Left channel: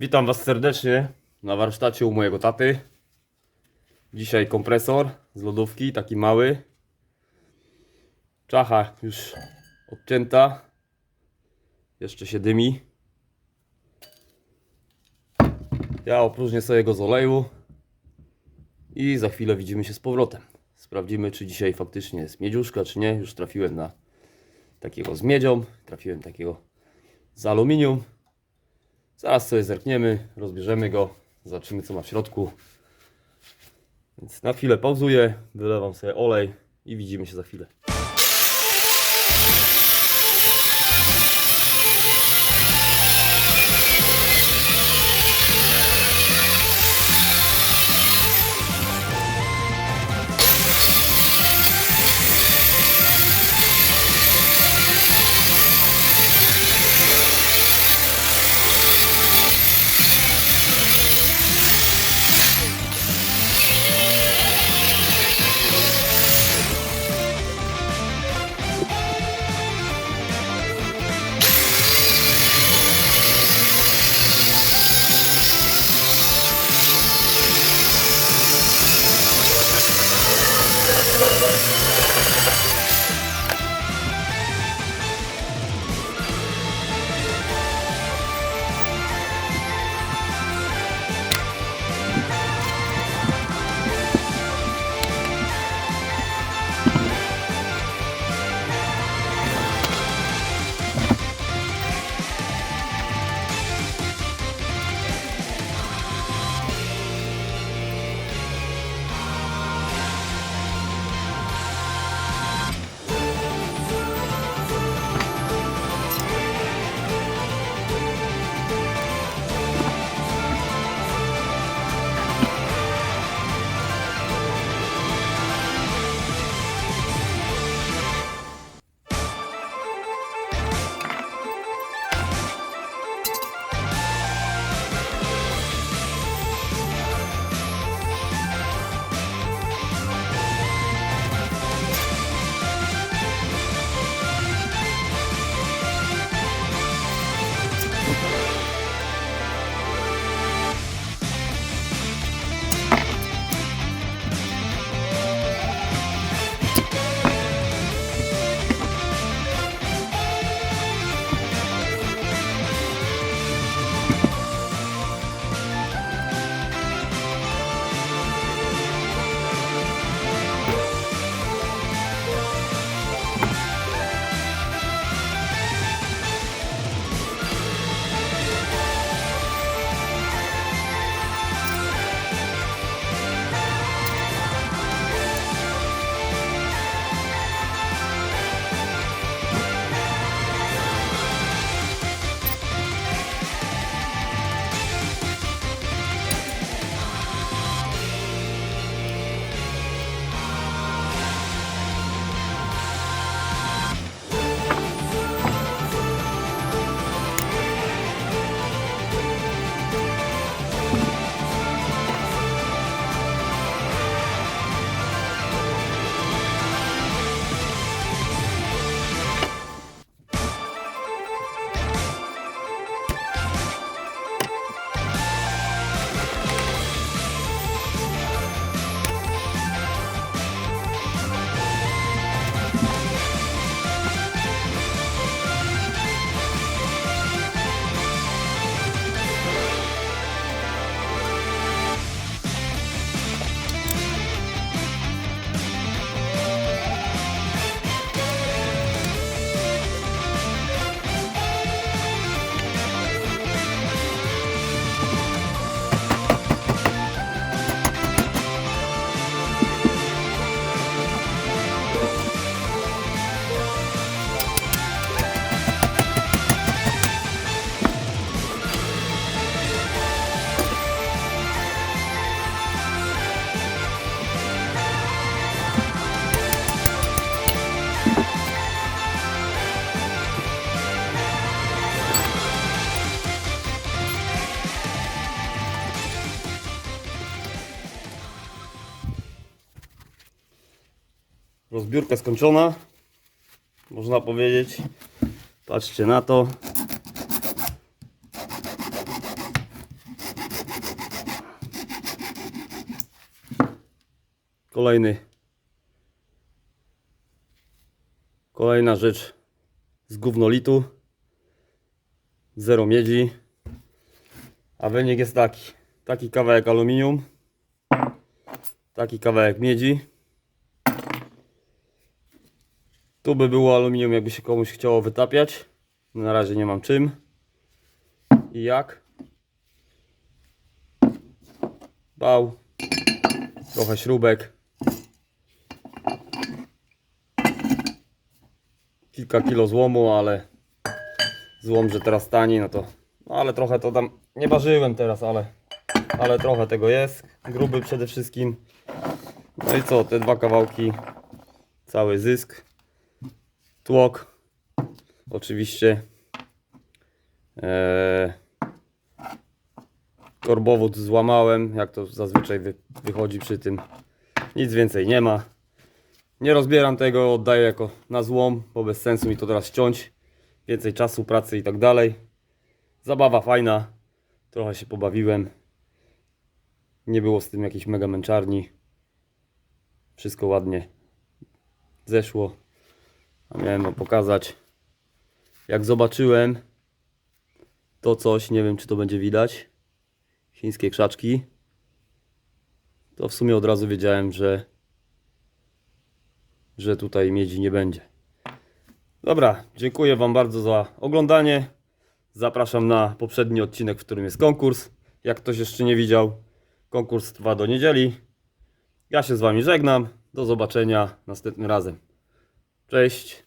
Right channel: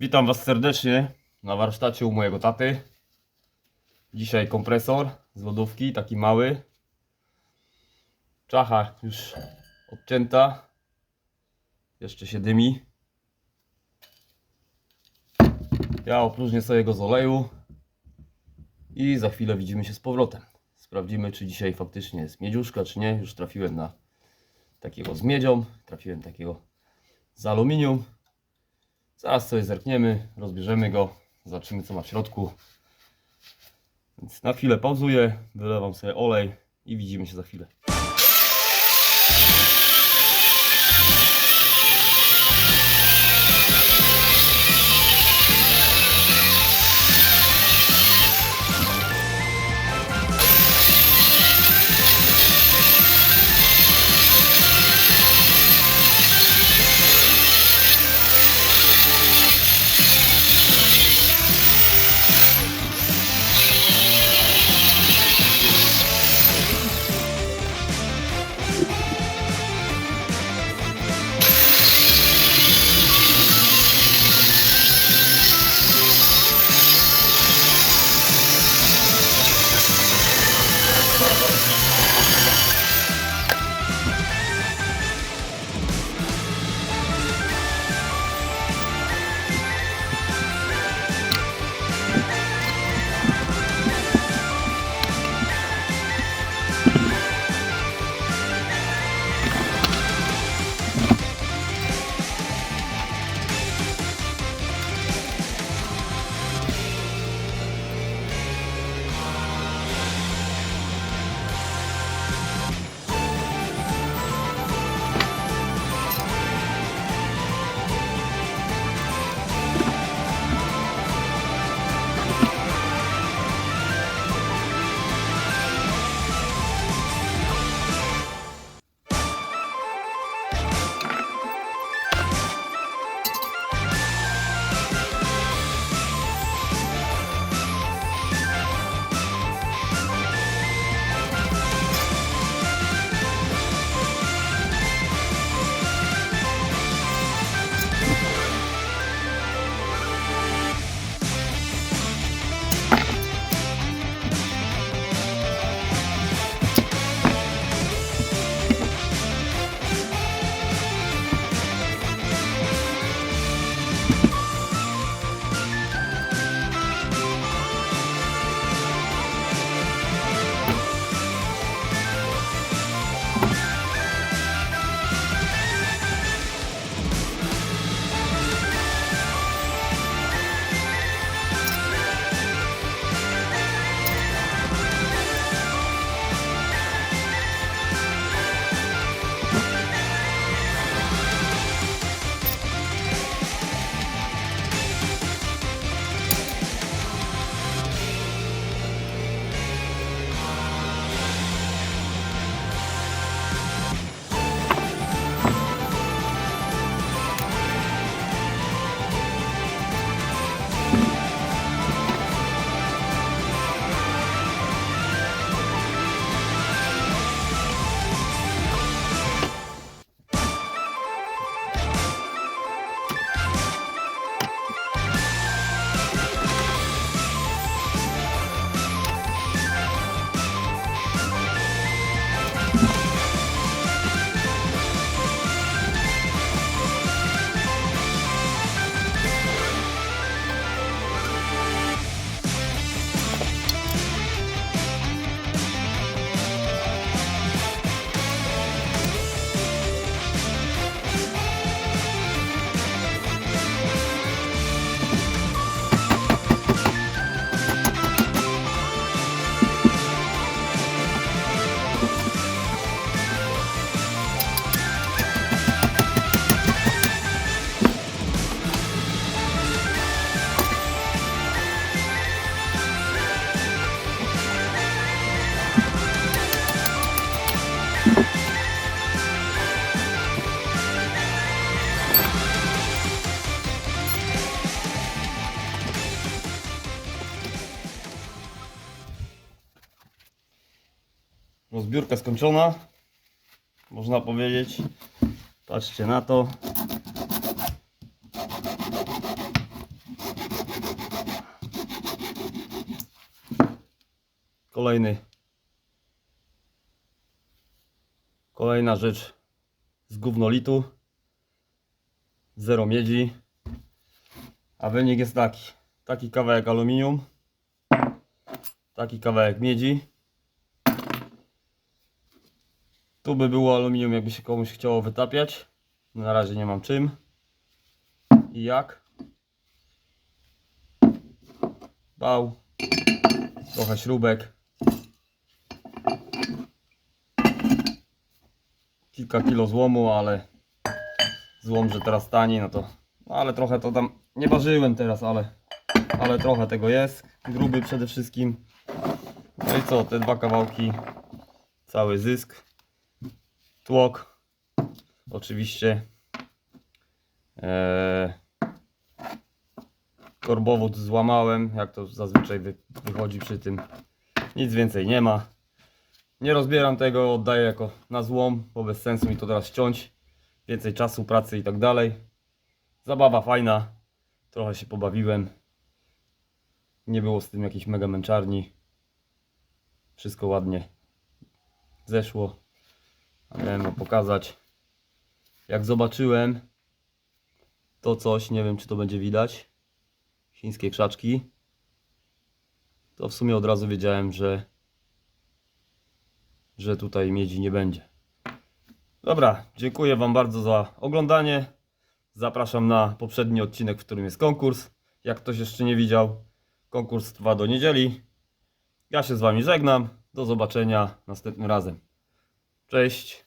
Witam Was serdecznie na warsztacie u mojego taty. Dzisiaj kompresor z lodówki, taki mały. Czacha już odcięta. Jeszcze się dymi. Ja opróżnię sobie go z oleju. I za chwilę widzimy się z powrotem. Sprawdzimy, czy dzisiaj faktycznie jest miedziuszka, czy nie. Już trafiłem na takiego z miedzią. Trafiłem takiego z aluminium. Zaraz sobie zerkniemy, rozbierzemy go, zobaczymy co ma w środku. Więc na chwilę pauzuję, wylewam sobie olej i widzimy się za chwilę. Rozbiórka skończona. Można powiedzieć. Patrzcie na to. Kolejny. Kolejna rzecz z gównolitu. Zero miedzi. A wynik jest taki. Taki kawałek aluminium. Taki kawałek miedzi. Tu by było aluminium, jakby się komuś chciało wytapiać. Na razie nie mam czym. I jak? Bał. Trochę śrubek. Kilka kilo złomu, ale złom, że teraz tani, no to. No ale trochę to tam nie ważyłem teraz, ale, ale trochę tego jest. Gruby przede wszystkim. No i co, te dwa kawałki, cały zysk. Tłok. Oczywiście. Eee, korbowód złamałem, jak to zazwyczaj wy, wychodzi przy tym. Nic więcej nie ma. Nie rozbieram tego, oddaję jako na złom, bo bez sensu mi to teraz ściąć. Więcej czasu, pracy i tak dalej. Zabawa fajna. Trochę się pobawiłem. Nie było z tym jakiejś mega męczarni. Wszystko ładnie zeszło. Miałem wam pokazać. Jak zobaczyłem to coś, nie wiem czy to będzie widać. Chińskie krzaczki. To w sumie od razu wiedziałem, że że tutaj miedzi nie będzie. Dobra, dziękuję Wam bardzo za oglądanie. Zapraszam na poprzedni odcinek, w którym jest konkurs. Jak ktoś jeszcze nie widział, konkurs trwa do niedzieli. Ja się z Wami żegnam. Do zobaczenia następnym razem. Cześć.